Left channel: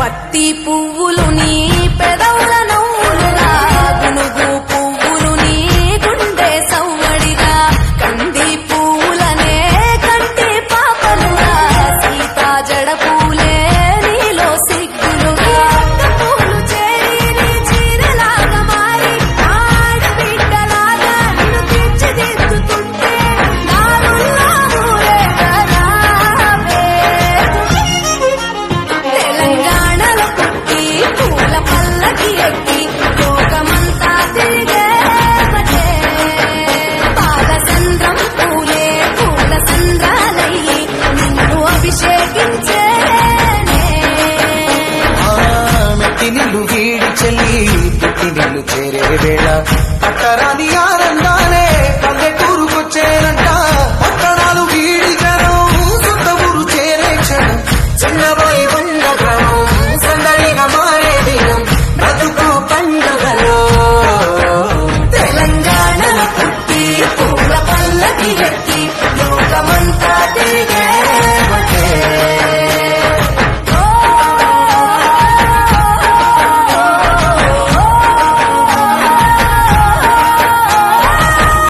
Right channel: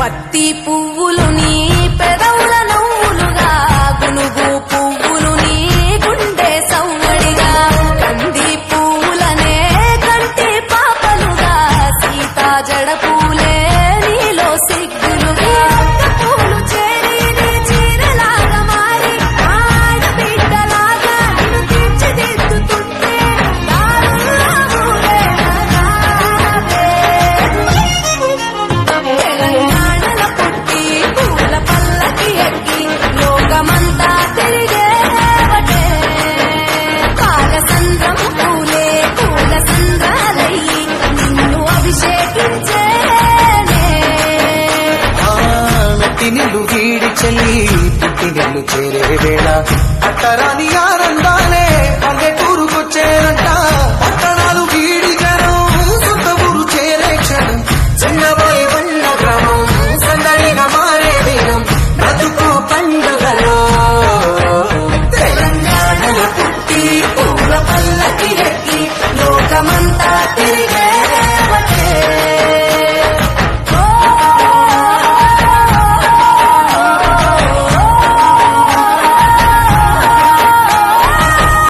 పత్తి పువ్వులు నీ పెదవుల నవ్వులుగా గునుగు పువ్వులు నీ గుండె సవ్వడిగా కంది పువ్వులనే కంటి పాపలుగా సీతా జడ పూలే నీలో సిగ్గులుగా పూలు చేరి నీ చీరలాగా మారి ఆడబిడ్డలాగా నిన్ను తీర్చిదిద్దుతుంటే నిల్లు వీడి చెల్లి పుట్టి నిల్లు చేరే వేళ అట్టరాని ఆనందాలే పల్లెటూరుకొచ్చేనంట పట్టణాలు వీడి జనం సొంత ఊరు చేరే క్షణం చిన్నబోయి ఉన్న గ్రామం సందడిగా మారే దినం బ్రతుకు పండుగలో